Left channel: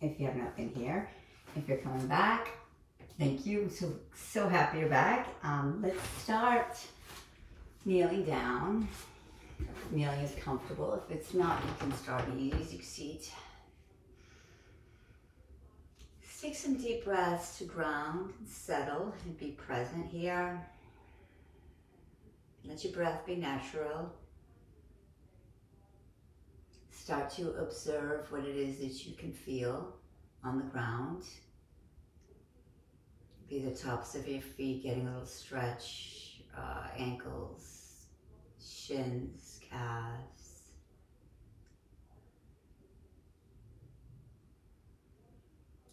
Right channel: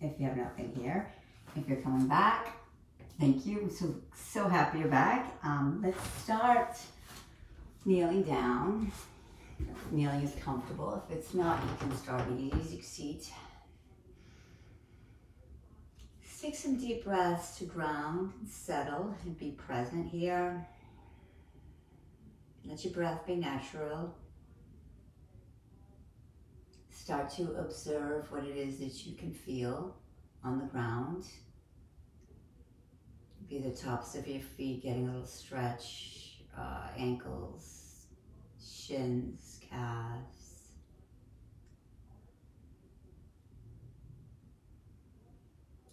if you have not been here. If you're coming back, thank you. So happy you're back. Let's start kneeling down. Kneeling is comfortable. If it's not, you can start in an easy seat. Take some deep breaths to ground and settle and be present here. Let your breath be natural. Start to observe what it is that you can feel on the ground. Maybe the tops of your feet getting a little stretch, ankles, shins, calves.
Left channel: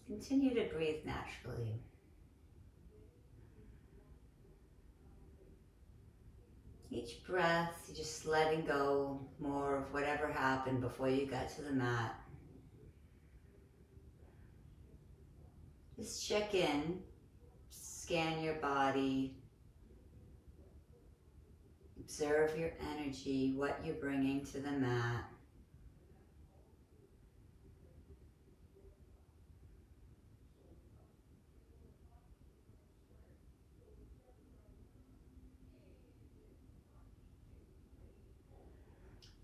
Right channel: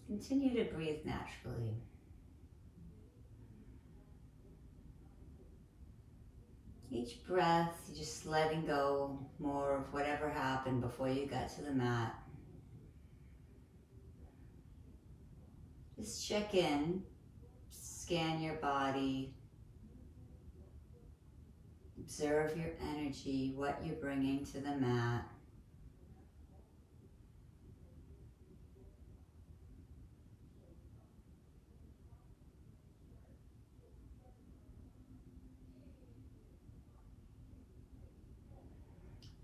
Continue to breathe naturally. Each breath, just letting go more of whatever happened before you got to the mat. Just check in, scan your body, observe your energy, what you're bringing to the mat.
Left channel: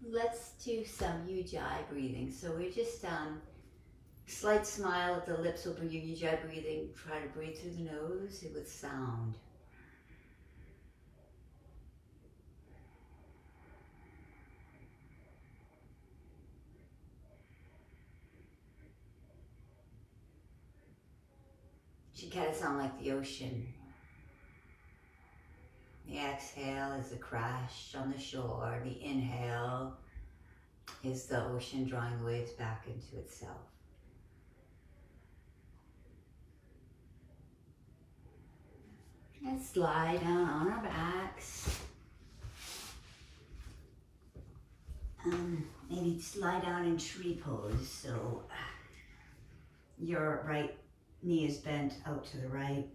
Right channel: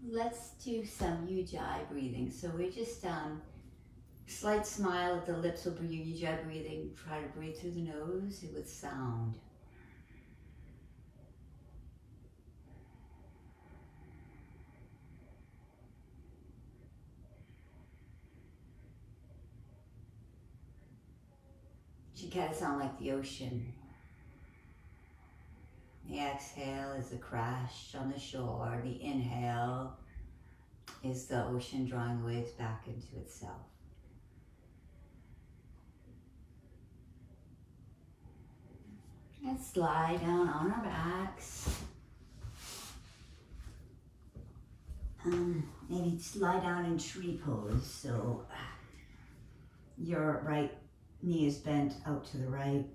Let's do some ujjayi breathing. So we're just slight smile at the lips will be ujjayi breathing. Try to breathe through the nose with sound. You gotta sound like the ocean. The exhale is a crash on the shore. The inhale is the ocean drawing the waves back into itself. Let's lie down on our backs. Maybe just lie down in tree pose. So your right knee is bent out to the right.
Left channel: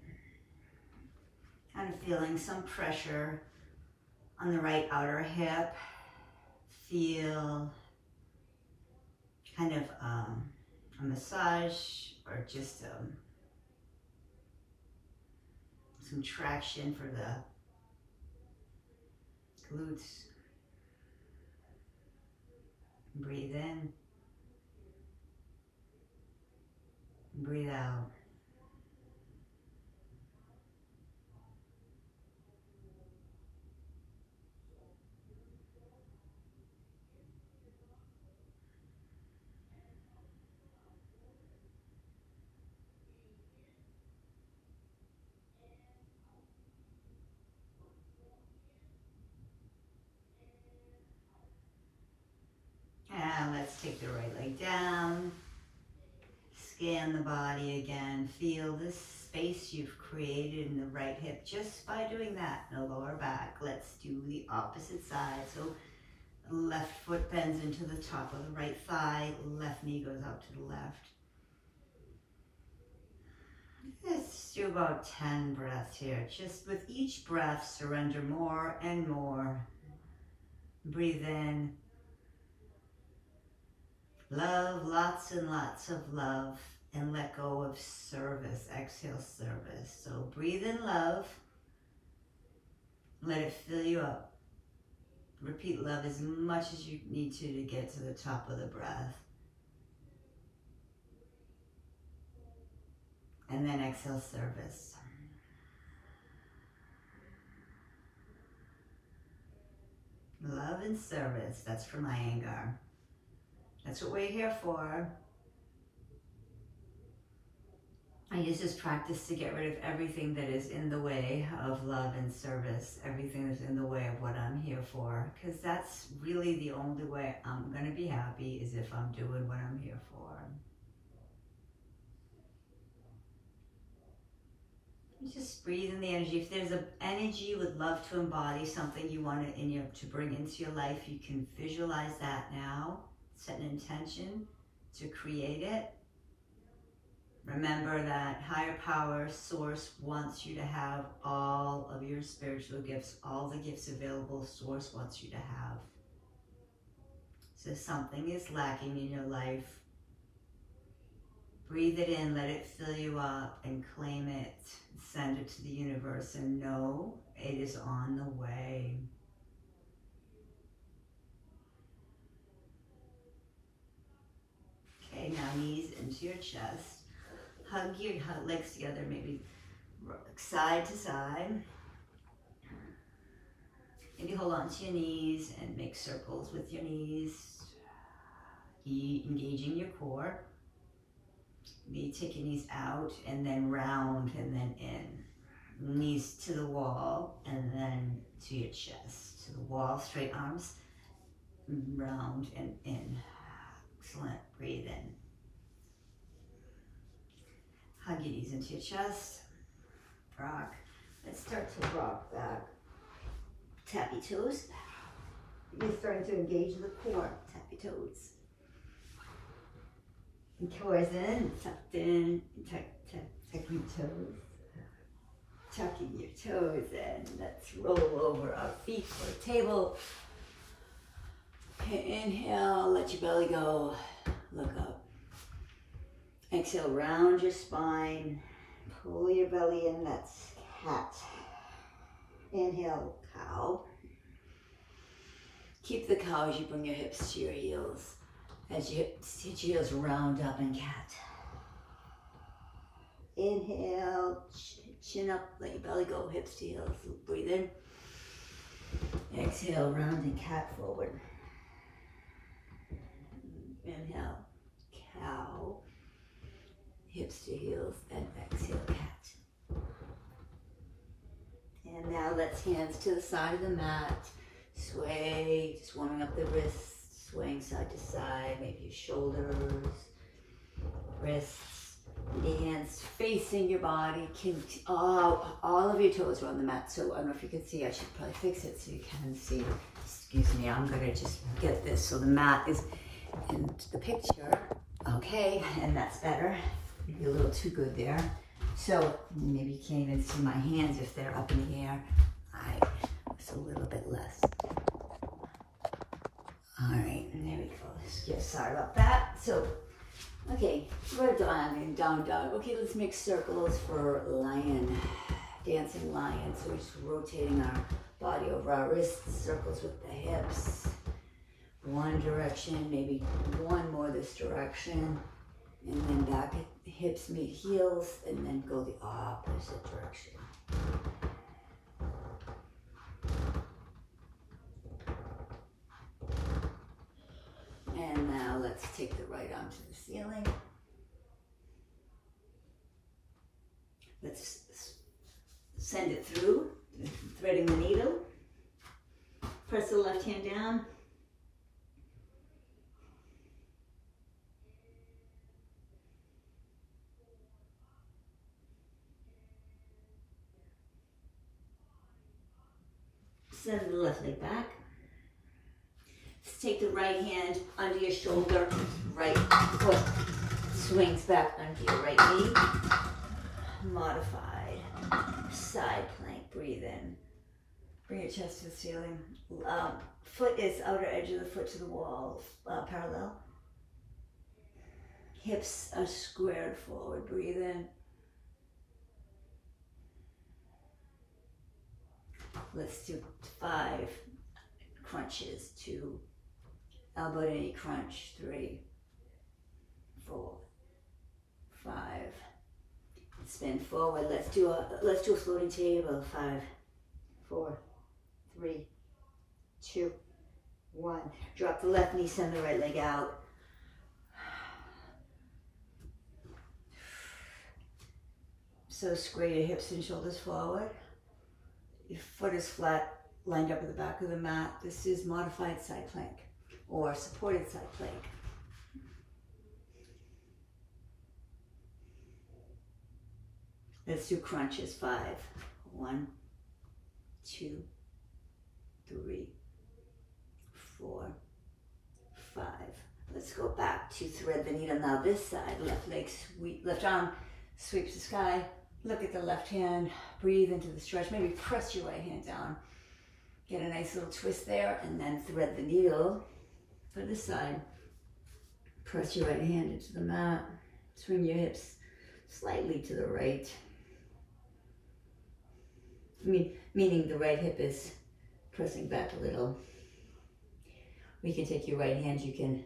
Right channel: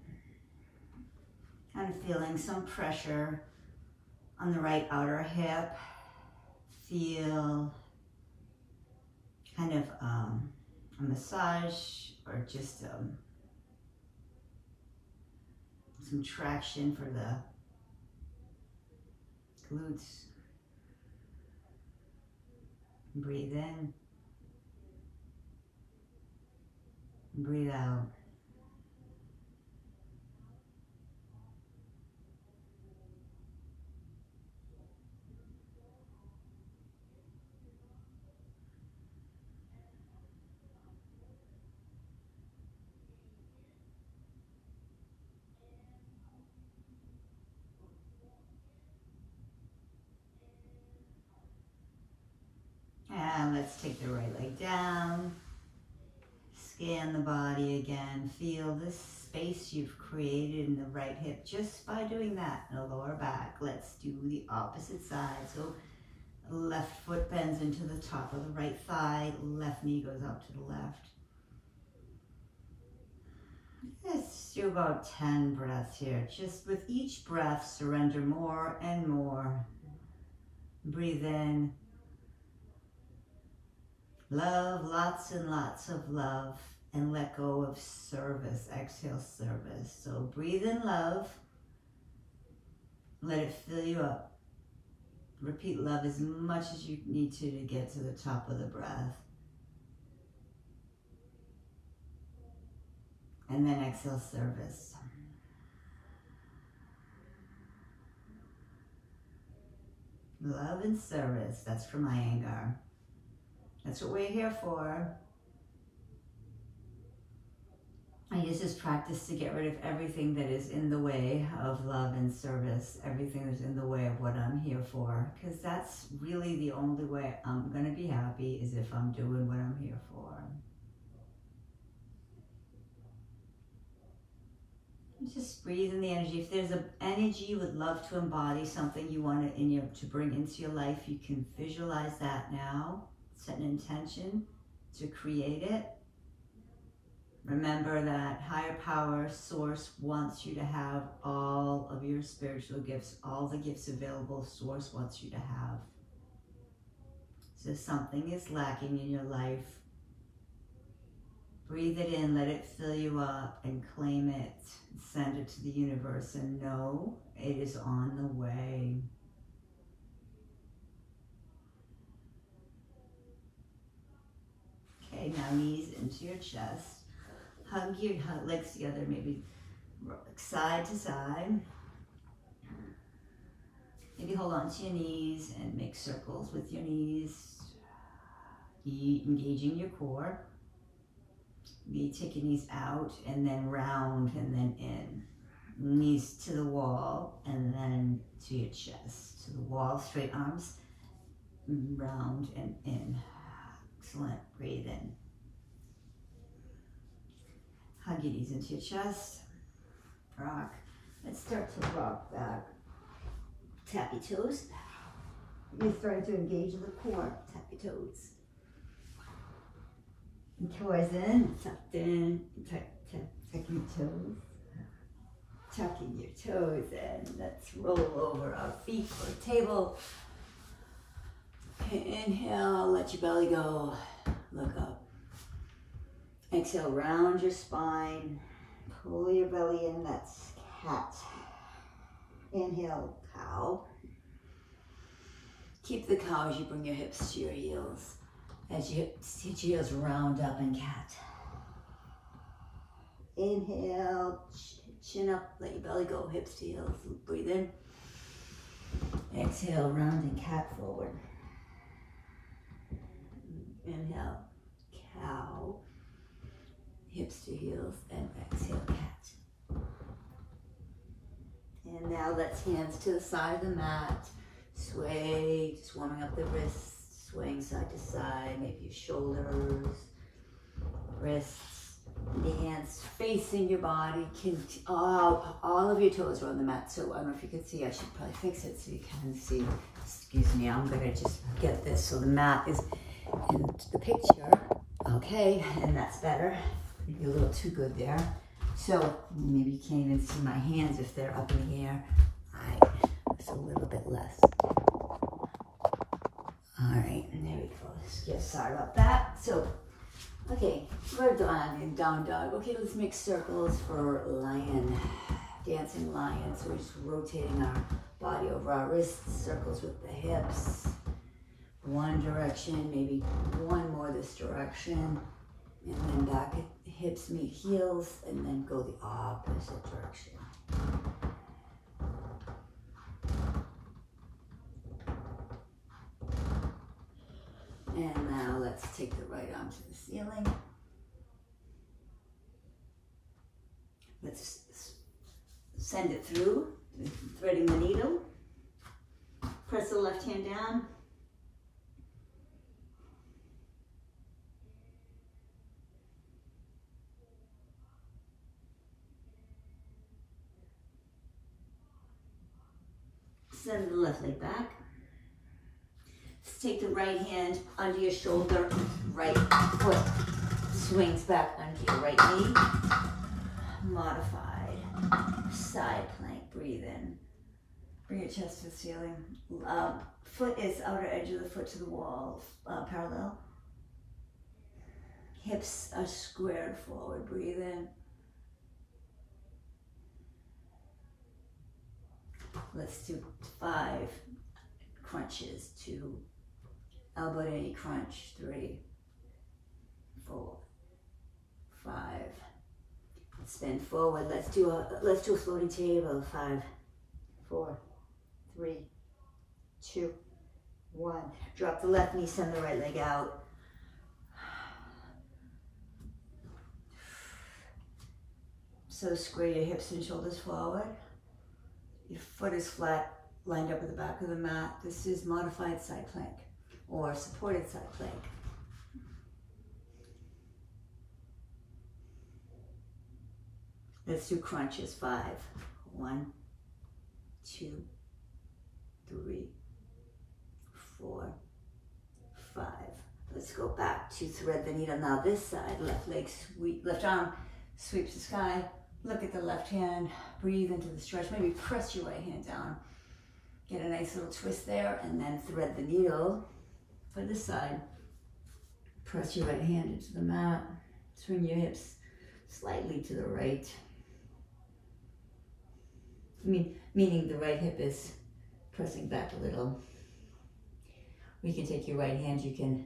Kind of feeling some pressure on the right outer hip. Feel kind of a massage or just some traction for the glutes. Breathe in. Breathe out. And let's take the right leg down. Scan the body again. Feel this space you've created in the right hip just by doing that. No lower back. Let's do the opposite side. So left foot bends into the top of the right thigh. Left knee goes out to the left. Let's do about 10 breaths here. Just with each breath, surrender more and more. Breathe in. Love, lots and lots of love, and let go of service. Exhale, service. So breathe in love. Let it fill you up. Repeat love as much as you need to get to the top of the breath. And then exhale, service. Love and service. That's for my Iyengar. That's what we're here for. I use this practice to get rid of everything that is in the way of love and service, everything that's in the way of what I'm here for, because that's really the only way I'm going to be happy is if I'm doing what I'm here for. Just breathe in the energy. If there's an energy you would love to embody, something you want to bring into your life, you can visualize that now. Set an intention to create it. Remember that higher power, source, wants you to have all of your spiritual gifts, all the gifts available, source wants you to have. So if something is lacking in your life, Breathe it in, let it fill you up, and claim it. Send it to the universe and know it is on the way. Okay, now knees into your chest. Hug your legs together, maybe side to side. Maybe hold on to your knees and make circles with your knees. Engaging your core. Maybe take your knees out and then round and then in. Knees to the wall and then to your chest. To the wall, straight arms, round and in. Excellent, breathe in. Hug your knees into your chest. Rock. Let's start to rock back. Tap your toes. You're starting to engage in the core. Tap your toes. And cores in, tucked in, tucking your toes. Tucking your toes in. Let's roll over our feet for a table. Okay, inhale, let your belly go. Look up. Exhale, round your spine. Pull your belly in, that's cat. Inhale, cow. Keep the cow as you bring your hips to your heels. As you hit your heels, round up in cat. Inhale, chin up, let your belly go, hips to heels. Breathe in. Exhale, round in cat forward. Inhale, cow, hips to heels, and exhale, cat. And now let's hands to the side of the mat. Sway, just warming up the wrists, swaying side to side, maybe your shoulders, wrists, the hands facing your body. All of your toes are on the mat, so I don't know if you can see, I should probably fix it so you can see. Excuse me, I'm gonna just get this so the mat is in the picture. Okay, and that's better. Maybe a little too good there. So maybe you can't even see my hands if they're up in the air. It's a little bit less. All right, and there we go. Let's get sorry about that. So, okay, we're done and down dog. Okay, let's make circles for lion, dancing lion. So we're just rotating our body over our wrists, circles with the hips. One direction, maybe one more this direction, and then back, hips meet heels, and then go the opposite direction. And now let's take the right arm to the ceiling. Let's send it through, threading the needle. Press the left hand down. Send the left leg back. Let's take the right hand under your shoulder, right foot swings back under your right knee. Modified side plank, breathe in. Bring your chest to the ceiling. Foot is outer edge of the foot to the wall, parallel. Hips are squared forward, breathe in. Let's do 5 crunches. 2, elbow to knee crunch. 3, 4, 5. Spin forward. Let's do a floating table. 5, 4, 3, 2, 1. Drop the left knee, send the right leg out. So square your hips and shoulders forward. Your foot is flat, lined up at the back of the mat. This is modified side plank or supported side plank. Let's do crunches. 5, 1, 2, 3, 4, 5. Let's go back to thread the needle. Now this side, left leg sweep, left arm sweeps the sky. Look at the left hand, breathe into the stretch. Maybe press your right hand down. Get a nice little twist there and then thread the needle for this side. Press your right hand into the mat. Swing your hips slightly to the right. Meaning the right hip is pressing back a little. We can take your right hand, you can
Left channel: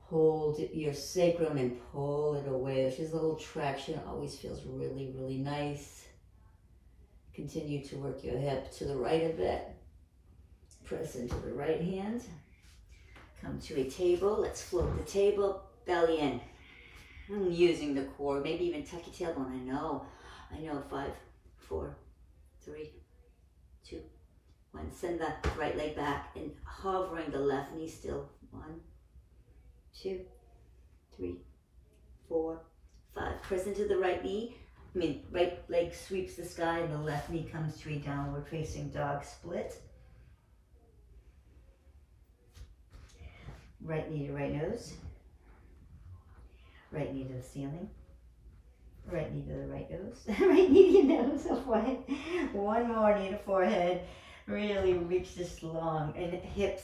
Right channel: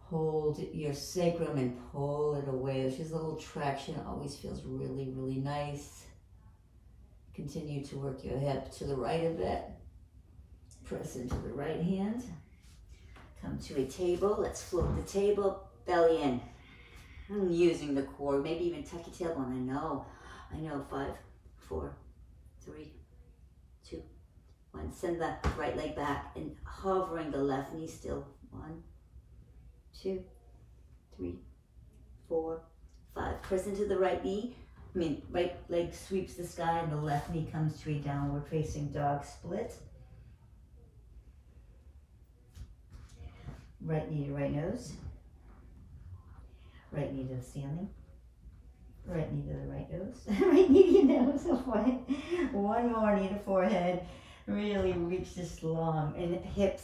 hold your sacrum and pull it away. There's just a little traction. It always feels really, really nice. Continue to work your hip to the right a bit. Press into the right hand. Come to a table. Let's float the table. Belly in. Using the core. Maybe even tuck your tailbone. I know. 5, 4, 3, 2, 1. Send the right leg back and hovering the left knee still. 1, 2, 3, 4, 5. Press into the right knee. Right leg sweeps the sky and the left knee comes to a downward facing dog split. Right knee to right nose. Right knee to the ceiling. Right knee to the right nose. Right knee to your nose. One more knee to forehead. Really reach this long. And hips,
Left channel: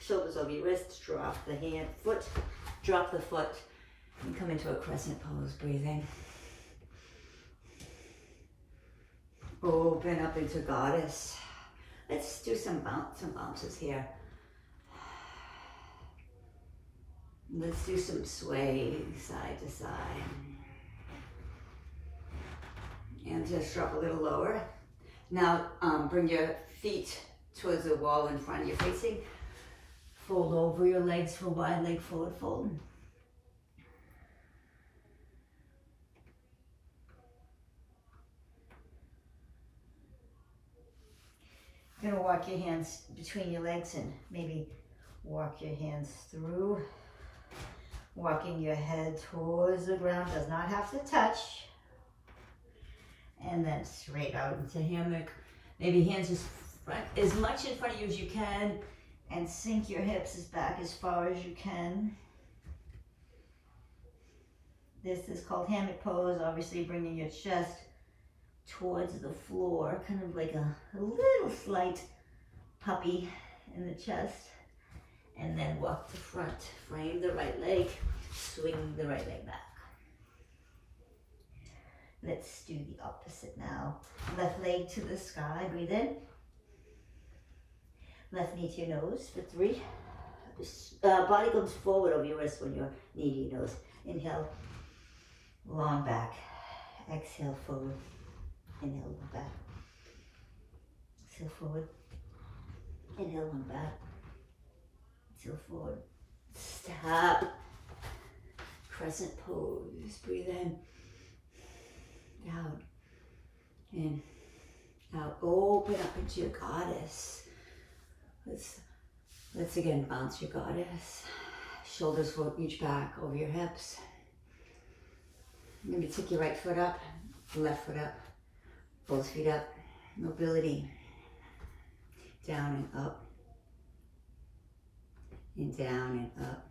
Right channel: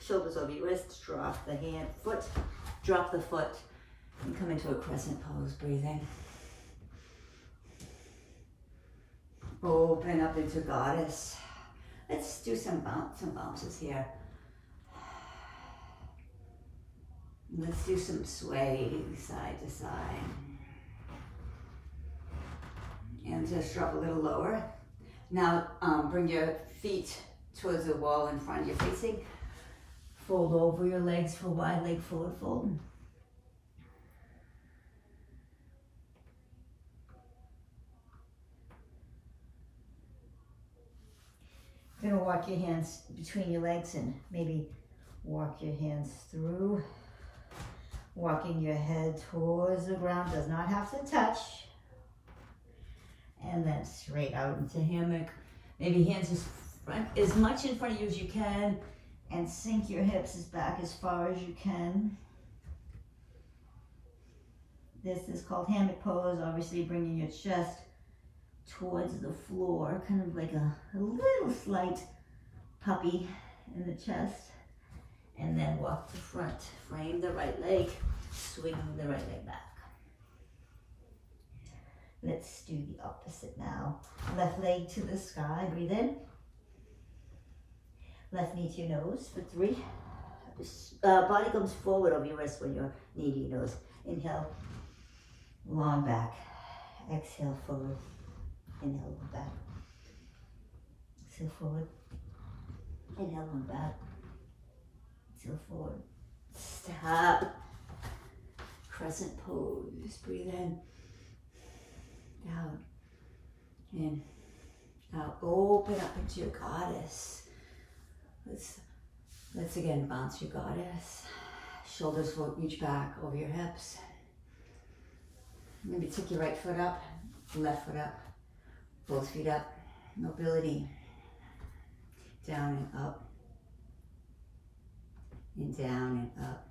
shoulders over your wrists. Drop the hand, foot. Drop the foot. And come into a crescent pose, breathing. Open up into goddess. Let's do some bounces here. Let's do some swaying side to side. And just drop a little lower. Now bring your feet towards the wall in front of you facing. Fold over your legs for wide leg forward fold. You're gonna walk your hands between your legs and maybe walk your hands through. Walking your head towards the ground, does not have to touch. And then straight out into hammock. Maybe hands as much in front of you as you can, and sink your hips back as far as you can. This is called hammock pose. Obviously bringing your chest towards the floor, kind of like a little slight puppy in the chest. And then walk to front. Frame the right leg. Swing the right leg back. Let's do the opposite now. Left leg to the sky. Breathe in. Left knee to your nose for 3. Body comes forward over your wrist when your knee to your nose. Inhale. Long back. Exhale forward. Inhale long back. Exhale forward. Inhale long back. Exhale forward. Stop. Crescent pose. Breathe in. Down. In. Out. Open up into your goddess. Let's again bounce your goddess. Shoulders will reach back over your hips. Maybe take your right foot up, left foot up, both feet up. Mobility. Down and up. And down and up.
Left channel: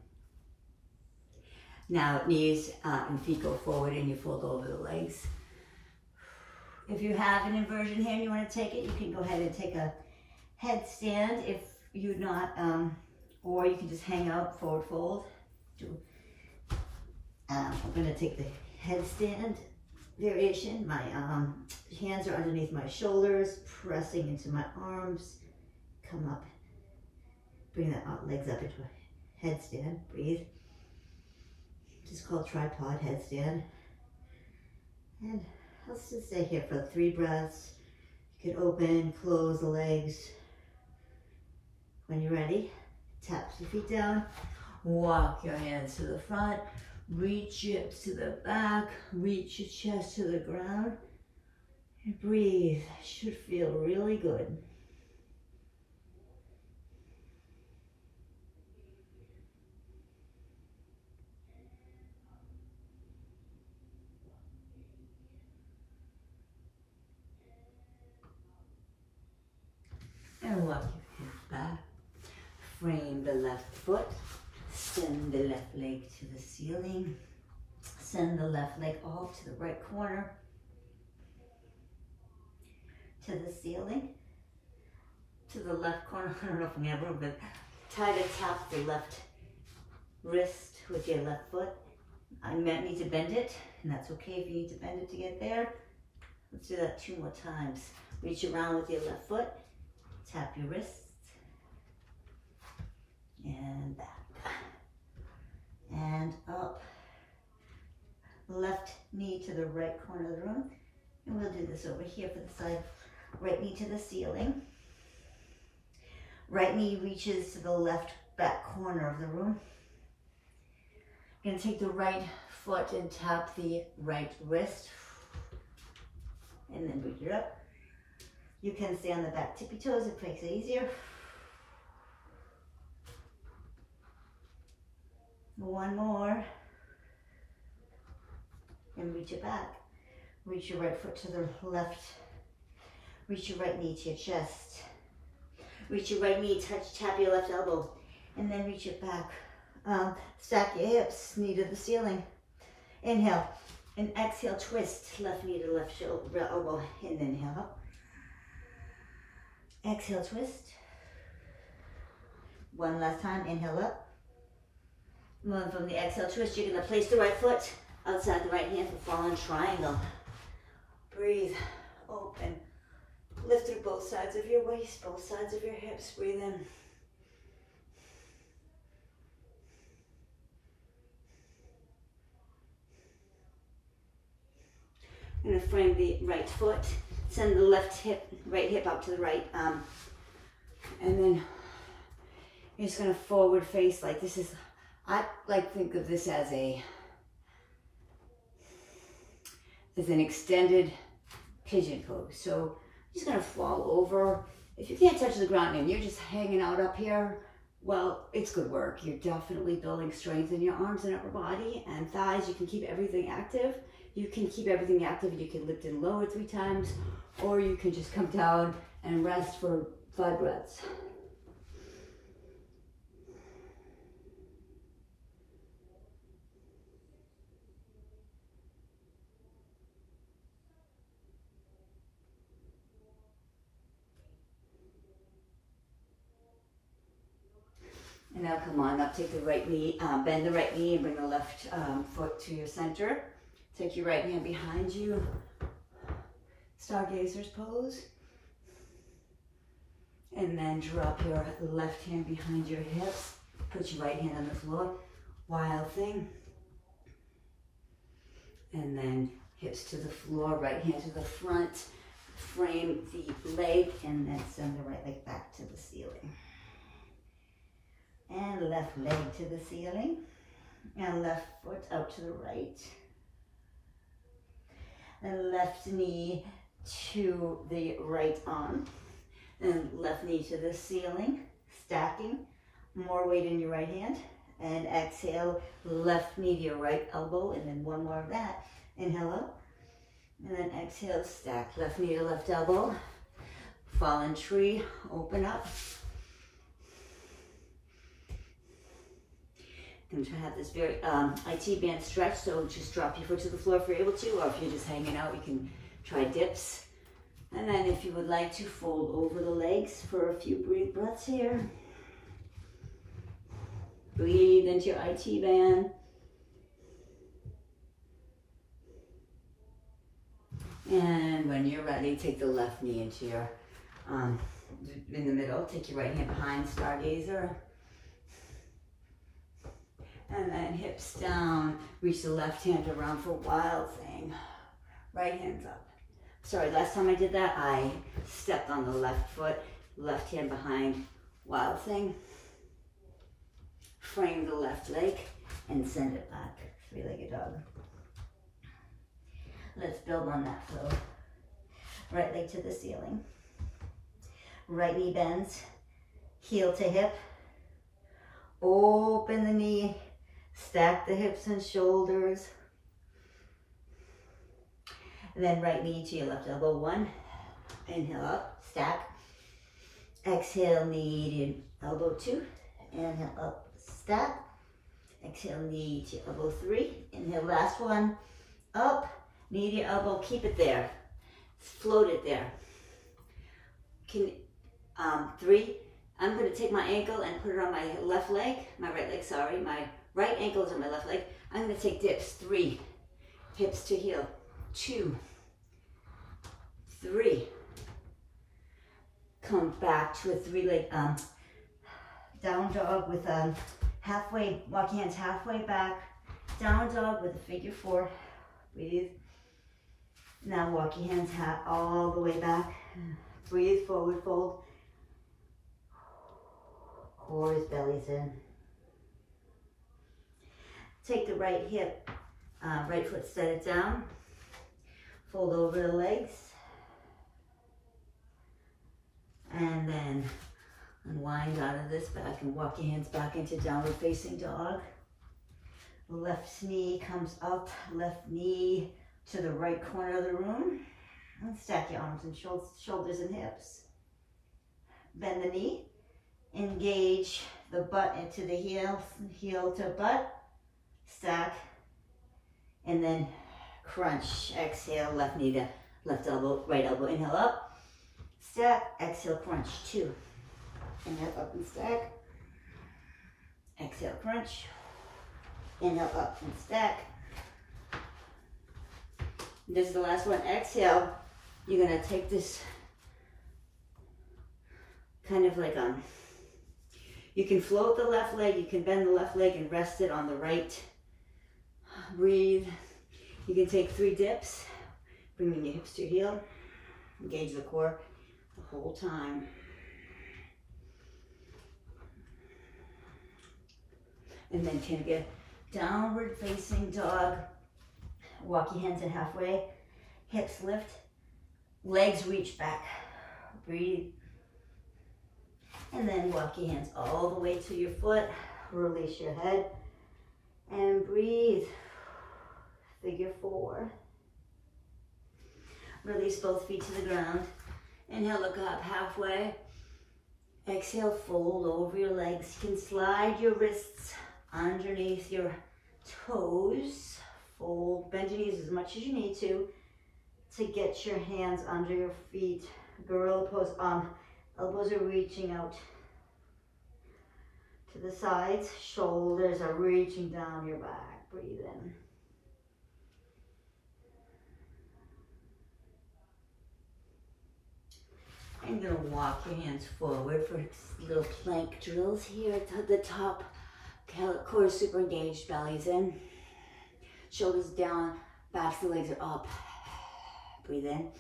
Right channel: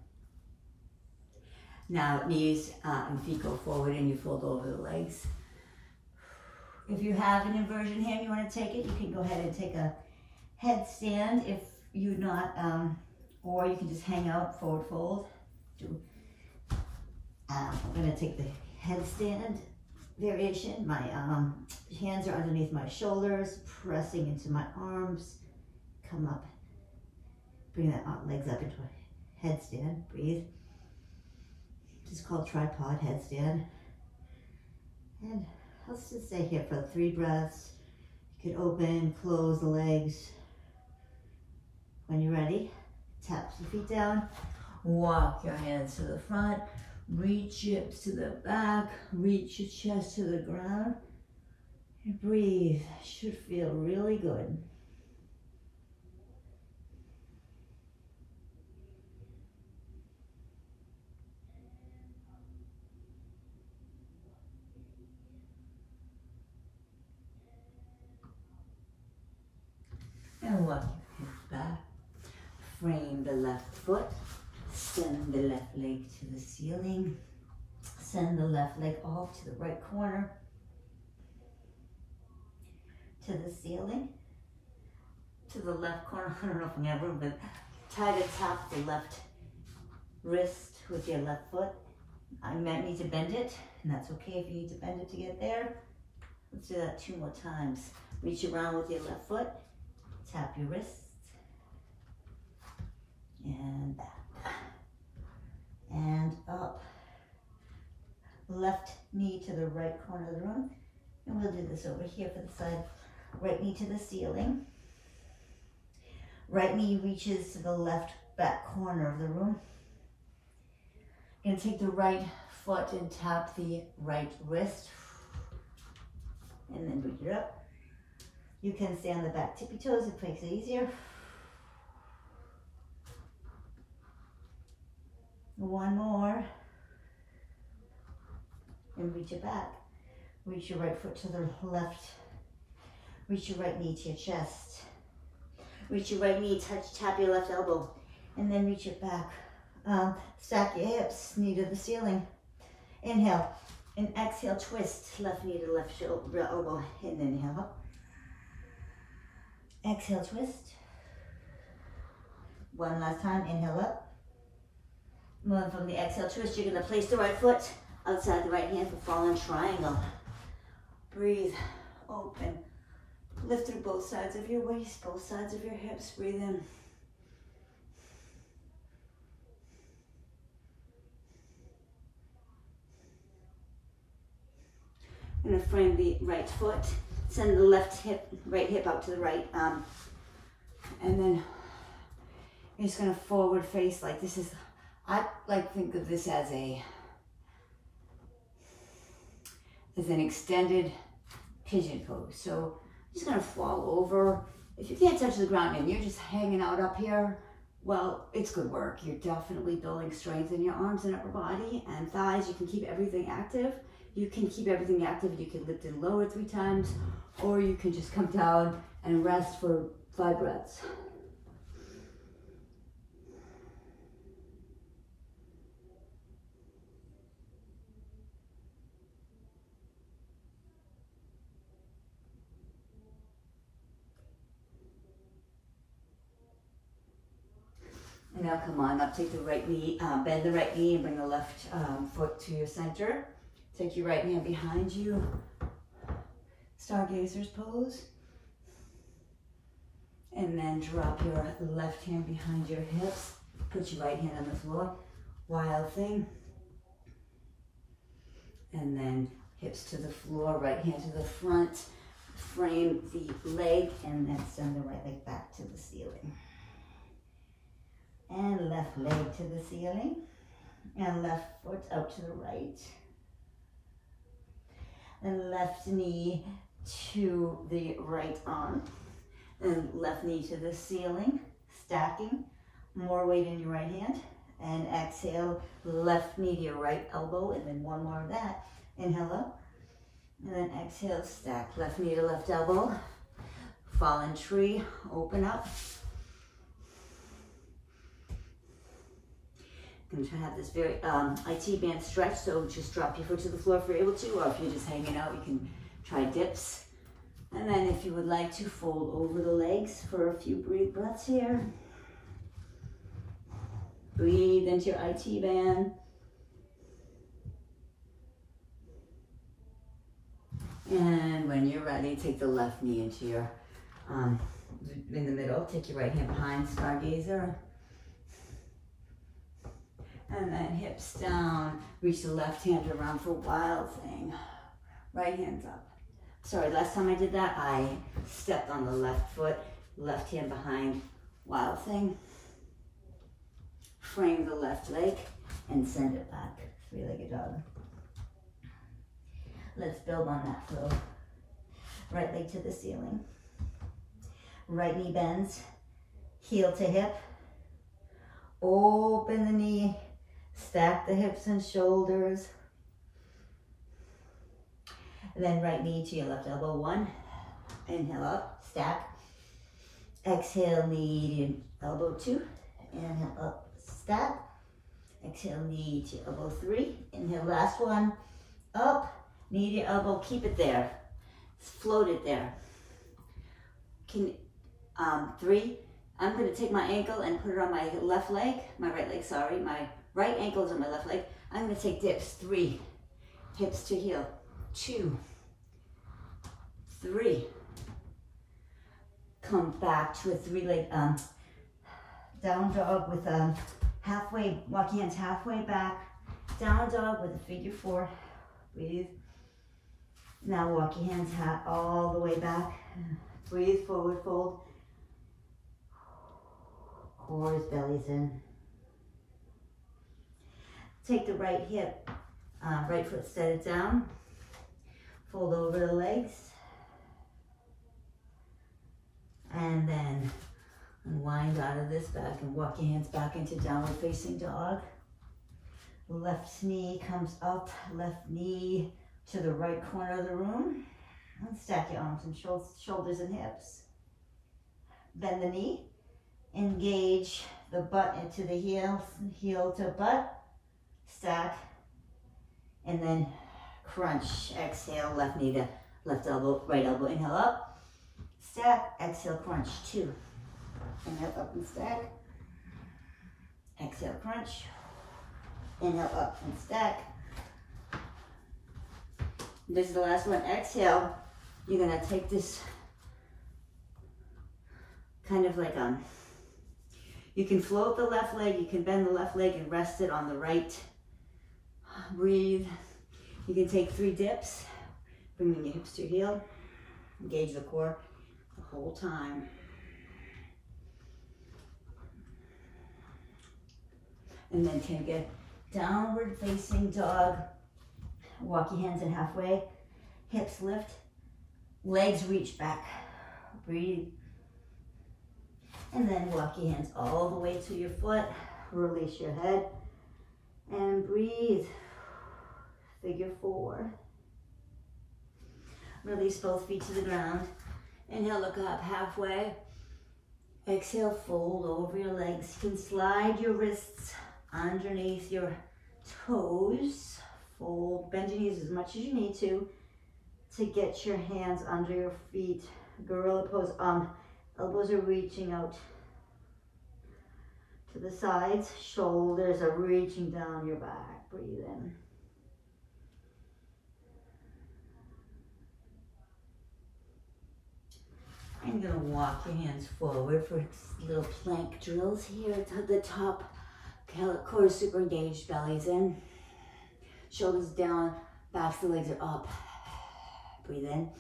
Now knees and feet go forward and you fold over the legs. If you have an inversion here, you want to take it, you can go ahead and take a headstand if you're not, or you can just hang out, forward fold. I'm going to take the headstand variation. My hands are underneath my shoulders, pressing into my arms. Come up. Bring that legs up into a headstand. Breathe. This is called tripod headstand. And let's just stay here for 3 breaths. You can open, close the legs. When you're ready, tap your feet down. Walk your hands to the front. Reach your hips to the back. Reach your chest to the ground. And breathe. Should feel really good. And walk your hips back. Frame the left foot. Send the left leg to the ceiling. Send the left leg off to the right corner. To the ceiling. To the left corner. I don't know if I'm going to but try to tap the left wrist with your left foot. I might need to bend it, and that's okay if you need to bend it to get there. Let's do that 2 more times. Reach around with your left foot, tap your wrists, and back, and up. Left knee to the right corner of the room, and we'll do this over here for the side. Right knee to the ceiling. Right knee reaches to the left back corner of the room. You're gonna take the right foot and tap the right wrist, and then bring it up. You can stay on the back tippy toes, it makes it easier. One more. And reach it back. Reach your right foot to the left. Reach your right knee to your chest. Reach your right knee, tap your left elbow, and then reach it back. Stack your hips, knee to the ceiling. Inhale, and exhale, twist. Left knee to left elbow, and then inhale up. Exhale, twist. One last time, inhale up. Moving from the exhale twist, you're gonna place the right foot outside the right hand for fallen triangle. Breathe, open. Lift through both sides of your waist, both sides of your hips. Breathe in. I'm gonna frame the right foot. Send the right hip out to the right. And then you're just gonna forward face like this is, I like think of this as an extended pigeon pose. So I'm just gonna fall over. If you can't touch the ground and you're just hanging out up here, well, it's good work. You're definitely building strength in your arms and upper body and thighs. You can keep everything active. You can keep everything active. You can lift and lower 3 times, or you can just come down and rest for 5 breaths. And now come on up, take the right knee, bend the right knee and bring the left foot to your center. Take your right hand behind you, Stargazer's pose. And then drop your left hand behind your hips. Put your right hand on the floor, wild thing. And then hips to the floor, right hand to the front. Frame the leg and then send the right leg back to the ceiling. And left leg to the ceiling, and left foot out to the right, and left knee to the right arm, and left knee to the ceiling, stacking, more weight in your right hand, and exhale, left knee to your right elbow, and then one more of that. Inhale up, and then exhale, stack, left knee to left elbow, fallen tree, open up. And to have this very IT band stretch, so just drop your foot to the floor if you're able to, or if you're just hanging out, you can try dips. And then if you would like to, fold over the legs for a few breaths here. Breathe into your IT band. And when you're ready, take the left knee into your, in the middle, take your right hand behind, Stargazer. And then hips down, reach the left hand around for wild thing. Right hand's up. Sorry, last time I did that, I stepped on the left foot, left hand behind, wild thing. Frame the left leg and send it back, 3-legged dog. Let's build on that flow. Right leg to the ceiling. Right knee bends, heel to hip. Open the knee. Stack the hips and shoulders. And then right knee to your left elbow, 1. Inhale up, stack. Exhale, knee to elbow 2. Inhale up, stack. Exhale, knee to elbow 3. Inhale, last one. Up, knee to elbow, keep it there. Float it there. 3. I'm going to take my ankle and put it on my left leg, my right leg, sorry. My right ankle is on my left leg. I'm gonna take dips. 3, hips to heel. 2, 3. Come back to a 3-leg down dog with halfway, walk your hands halfway back. Down dog with a figure 4. Breathe. Now walk your hands all the way back. Breathe, forward fold. Core is bellies in. Take the right hip, right foot, set it down. Fold over the legs. And then unwind out of this back and walk your hands back into downward facing dog. Left knee comes up, left knee to the right corner of the room. And stack your arms and shoulders and hips. Bend the knee. Engage the butt into the heel, heel to butt. Stack. And then crunch. Exhale, left knee to left elbow, right elbow. Inhale up. Stack. Exhale, crunch. 2. Inhale up and stack. Exhale, crunch. Inhale up and stack. This is the last one. Exhale. You're gonna take this kind of like you can float the left leg, you can bend the left leg and rest it on the right. Breathe. You can take 3 dips, bringing your hips to your heel. Engage the core the whole time. And then take a downward facing dog. Walk your hands in halfway. Hips lift. Legs reach back. Breathe. And then walk your hands all the way to your foot. Release your head. And breathe. Figure 4. Release both feet to the ground. Inhale, look up halfway. Exhale, fold over your legs. You can slide your wrists underneath your toes. Fold, bend your knees as much as you need to get your hands under your feet. Gorilla pose. Elbows are reaching out to the sides. Shoulders are reaching down your back. Breathe in. I'm going to walk your hands forward for little plank drills here at the top. Core is super engaged, belly's in. Shoulders down, backs the legs are up. Breathe in.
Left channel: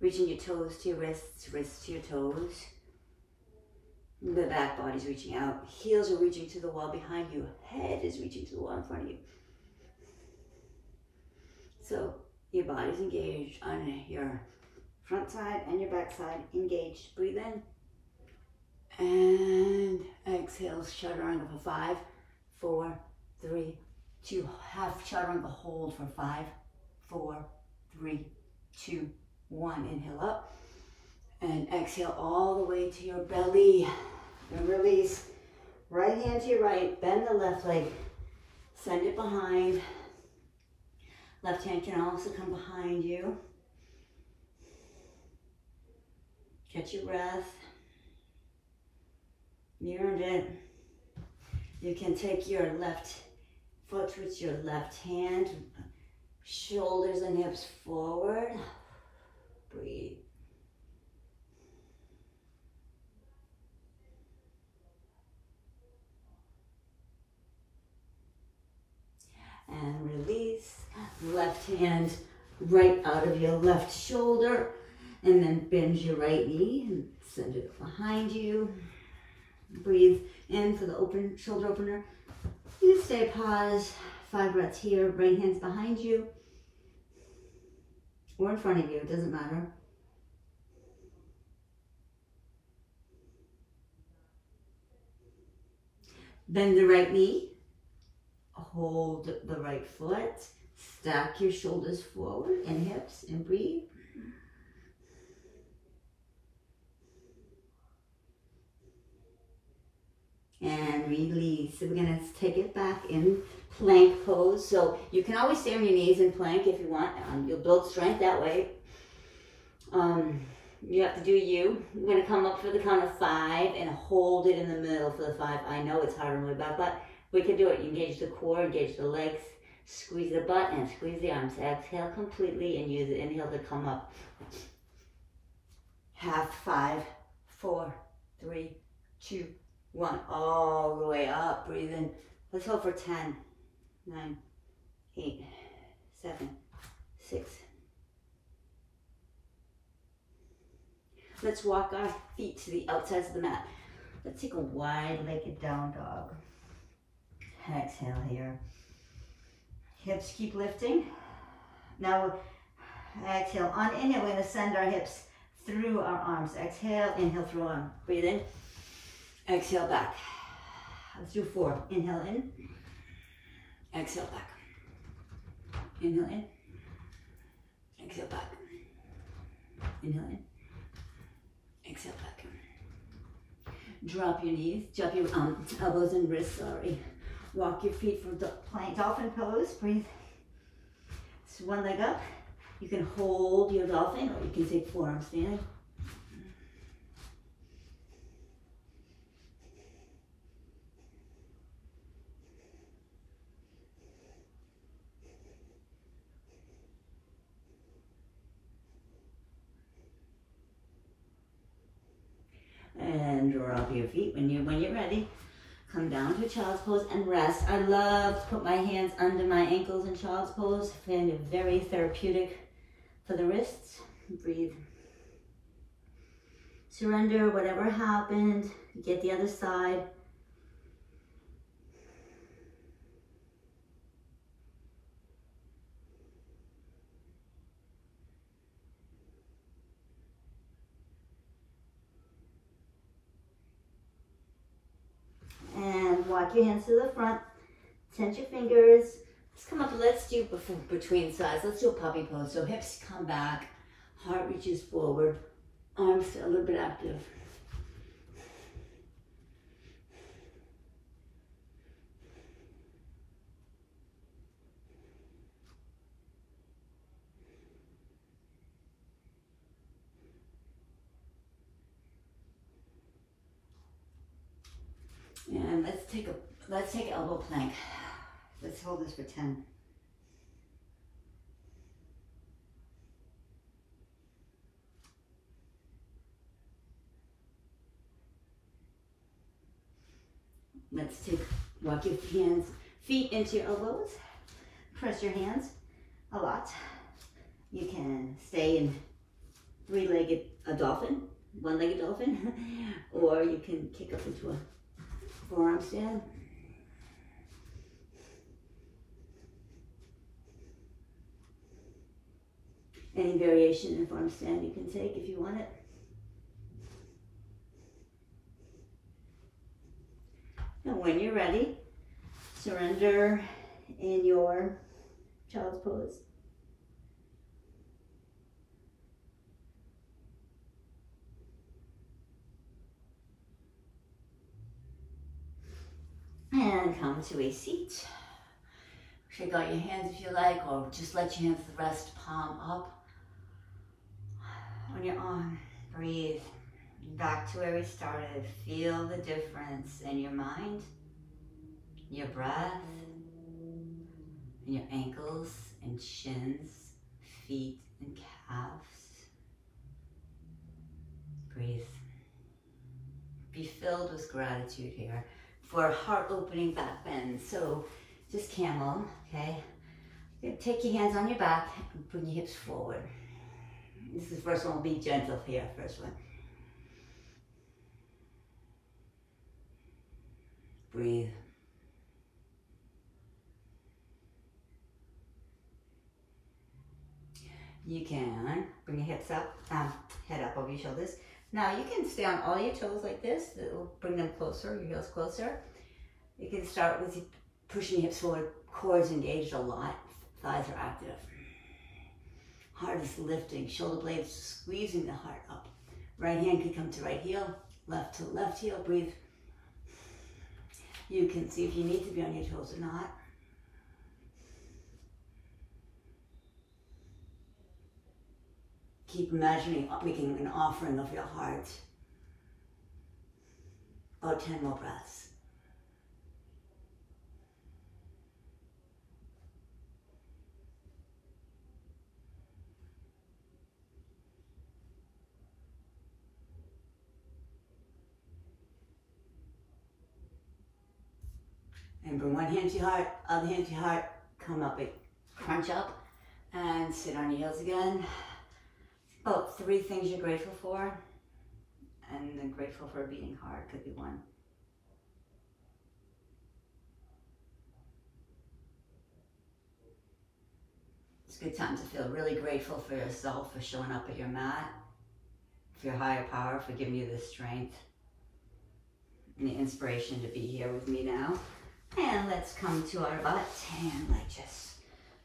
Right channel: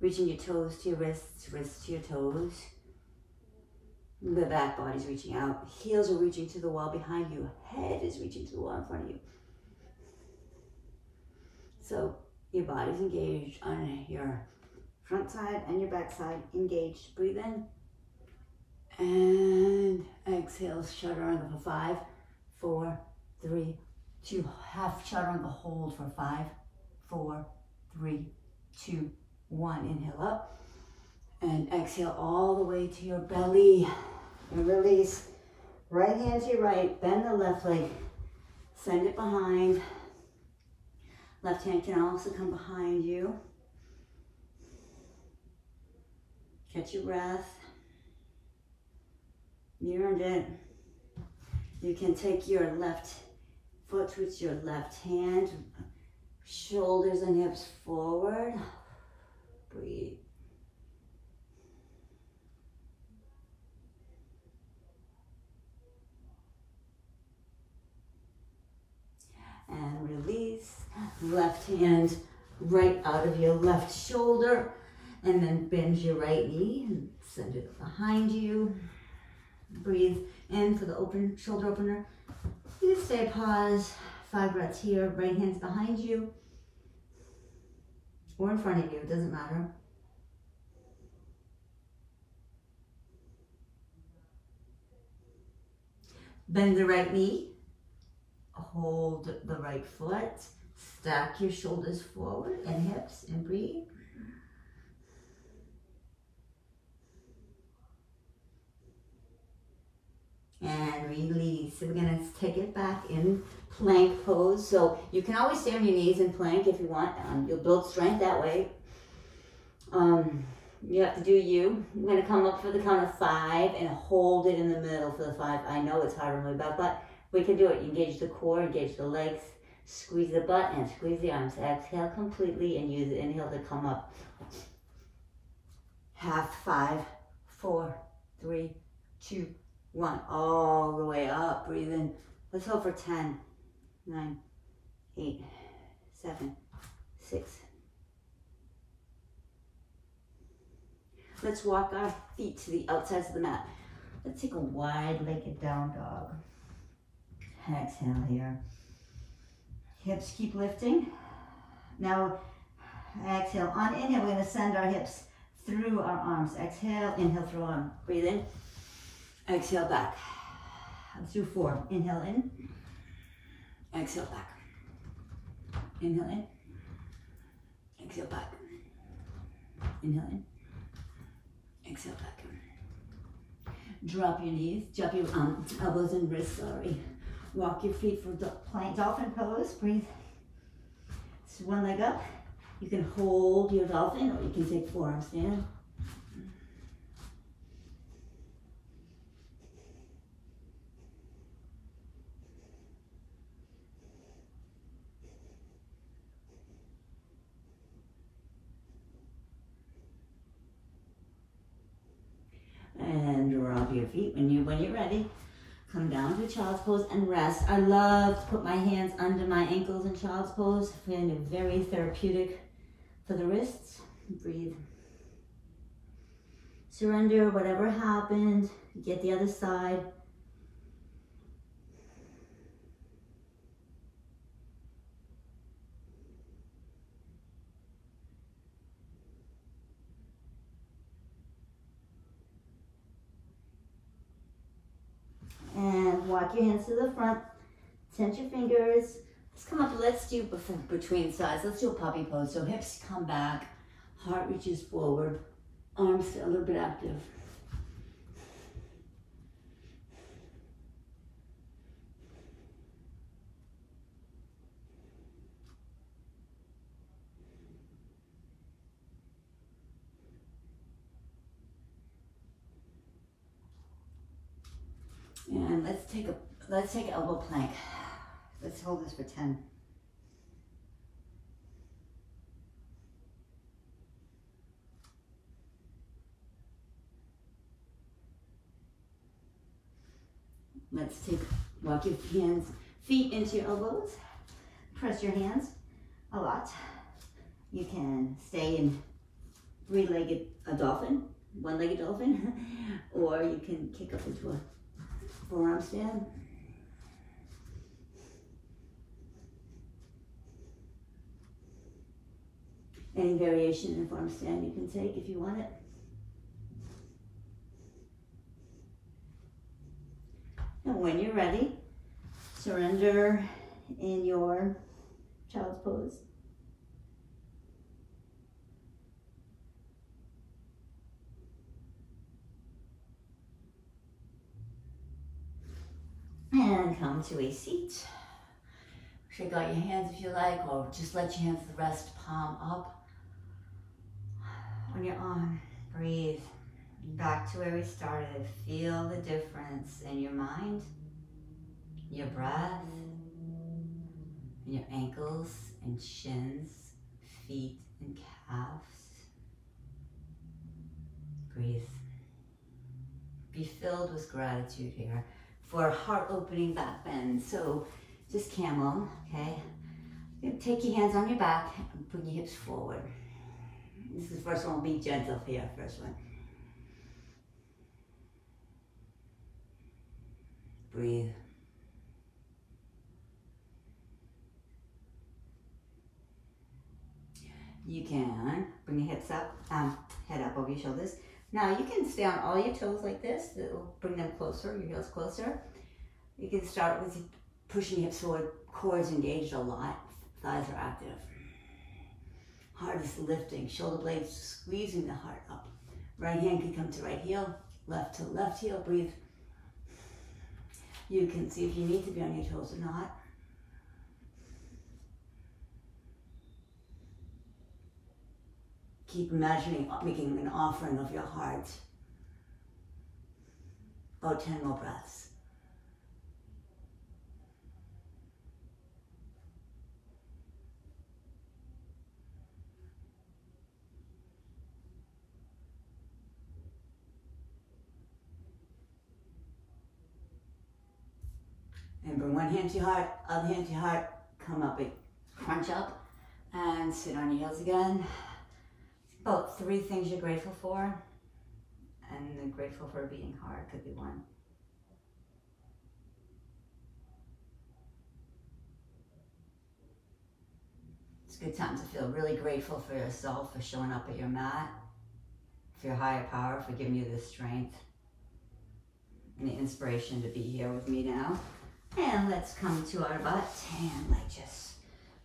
Reaching your toes to your wrists, wrists to your toes. The back body's reaching out. Heels are reaching to the wall behind you. Head is reaching to the wall in front of you. So your body's engaged on your front side and your back side. Engaged. Breathe in. And exhale, chaturanga for 5, 4, 3, 2. Half chaturanga hold for 5, 4, 3, 2, 1. Inhale up. And exhale all the way to your belly. And release. Right hand to your right. Bend the left leg. Send it behind. Left hand can also come behind you. Catch your breath. You earned it. You can take your left foot with your left hand. Shoulders and hips forward. Breathe. And release. Left hand right out of your left shoulder. And then bend your right knee and send it behind you. Breathe in for the open shoulder opener. You stay pause. 5 breaths here. Right hand's behind you. Or in front of you. It doesn't matter. Bend the right knee. Hold the right foot. Stack your shoulders forward and hips and breathe. And release. So we're going to take it back in plank pose. So you can always stay on your knees in plank if you want. You'll build strength that way. You have to do you. I'm going to come up for the count of 5 and hold it in the middle for the 5. I know it's hard on my back, but We can do it. You engage the core, engage the legs, squeeze the butt and squeeze the arms. Exhale completely and use the inhale to come up. Half, 5, 4, 3, 2, 1. All the way up. Breathe in. Let's hold for 10, 9, 8, 7, 6. Let's walk our feet to the outsides of the mat. Let's take a wide-legged down dog. Exhale here. Hips keep lifting. Now, exhale. On inhale, we're going to send our hips through our arms. Exhale, inhale, throw on. Breathe in. Exhale, back. Let's do 4. Inhale in. Exhale, back. Inhale in. Exhale, back. Inhale in. Exhale, back. Drop your knees. Drop your elbows and wrists, sorry. Walk your feet for plank dolphin pose. Breathe. So one leg up. You can hold your dolphin or you can take forearm stand. And drop your feet when you're ready. Come down to child's pose and rest. I love to put my hands under my ankles in child's pose. I find it very therapeutic for the wrists. Breathe. Surrender whatever happened. Get the other side. And walk your hands to the front. Tense your fingers. Let's come up. Let's do between sides. Let's do a puppy pose. So hips come back. Heart reaches forward. Arms a little bit active. And let's take elbow plank. Let's hold this for 10. Walk your feet into your elbows. Press your hands a lot. You can stay in three-legged dolphin, one-legged dolphin, or you can kick up into a forearm stand. Any variation in forearm stand you can take if you want it. And when you're ready, surrender in your child's pose. And come to a seat. Shake out your hands if you like, or just let your hands rest palm up on your arm. Breathe. Back to where we started. Feel the difference in your mind, your breath, in your ankles and shins, feet and calves. Breathe. Be filled with gratitude here for heart-opening back bend. So just camel, okay? Take your hands on your back and bring your hips forward. This is the first one. Will be gentle here, first one. Breathe. You can bring your hips up, head up over your shoulders. Now you can stay on all your toes like this. It will bring them closer, your heels closer. You can start with pushing your hips forward. Core is engaged a lot. Thighs are active. Heart is lifting. Shoulder blades squeezing the heart up. Right hand can come to right heel. Left to left heel. Breathe. You can see if you need to be on your toes or not. Keep imagining making an offering of your heart. About 10 more breaths. And bring one hand to your heart, other hand to your heart. Come up, crunch up, and sit on your heels again. About 3 things you're grateful for. And then grateful for a beating heart could be one. It's a good time to feel really grateful for yourself for showing up at your mat, for your higher power for giving you the strength and the inspiration to be here with me now. And let's come to our butt and like just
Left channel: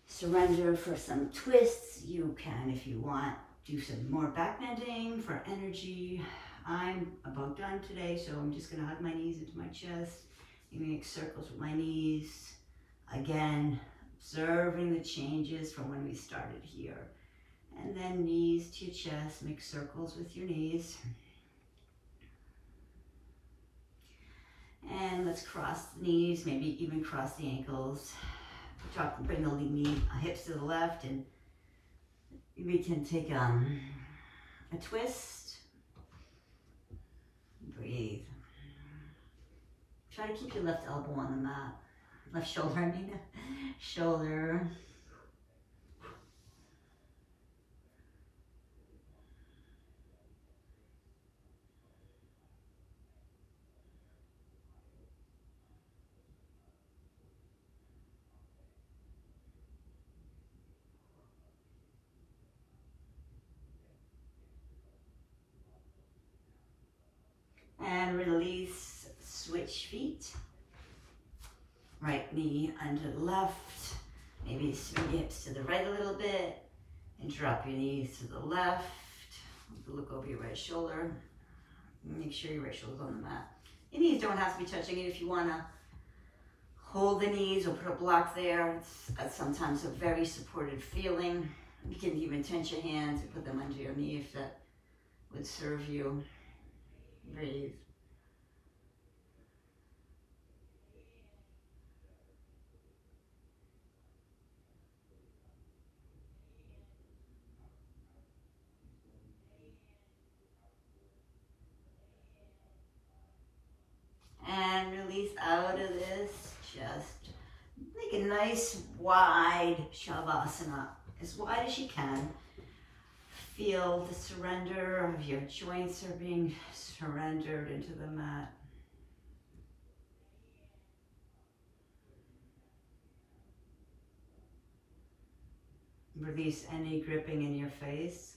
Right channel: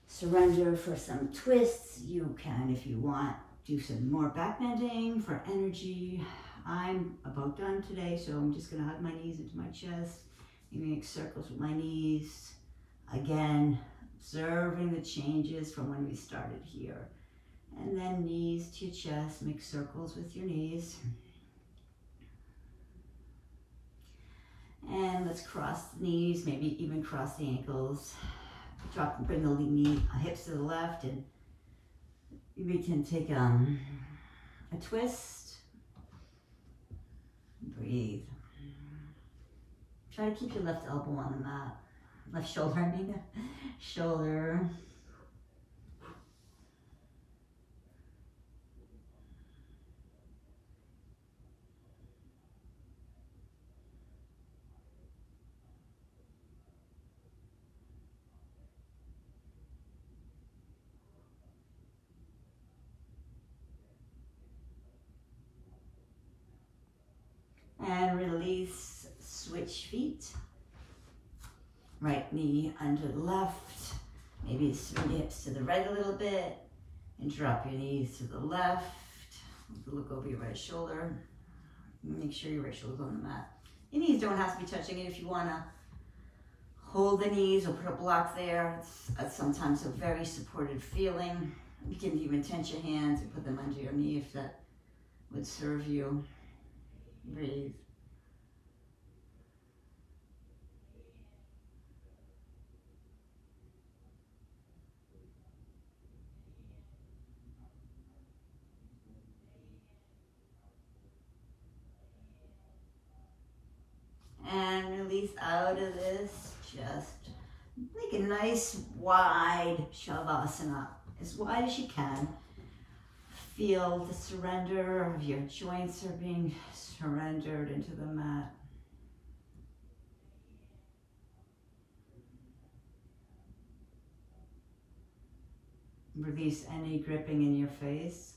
surrender for some twists. You can, if you want, do some more back bending for energy. I'm about done today, so I'm just gonna hug my knees into my chest and make circles with my knees. Again, observing the changes from when we started here. And then knees to your chest, make circles with your knees. And let's cross the knees, maybe even cross the ankles. Bring the hips to the left, and we can take a twist. Breathe. Try to keep your left elbow on the mat. Left shoulder, I mean, shoulder. And release, switch feet. Right knee under the left. Maybe swing your hips to the right a little bit and drop your knees to the left. Look over your right shoulder. Make sure your right shoulder's on the mat. Your knees don't have to be touching it if you want to hold the knees or put a block there. It's sometimes a very supported feeling. You can even tense your hands and put them under your knee if that would serve you. Breathe. And release out of this. Just make a nice wide Shavasana, as wide as you can. Feel the surrender of your joints are being surrendered into the mat. Release any gripping in your face.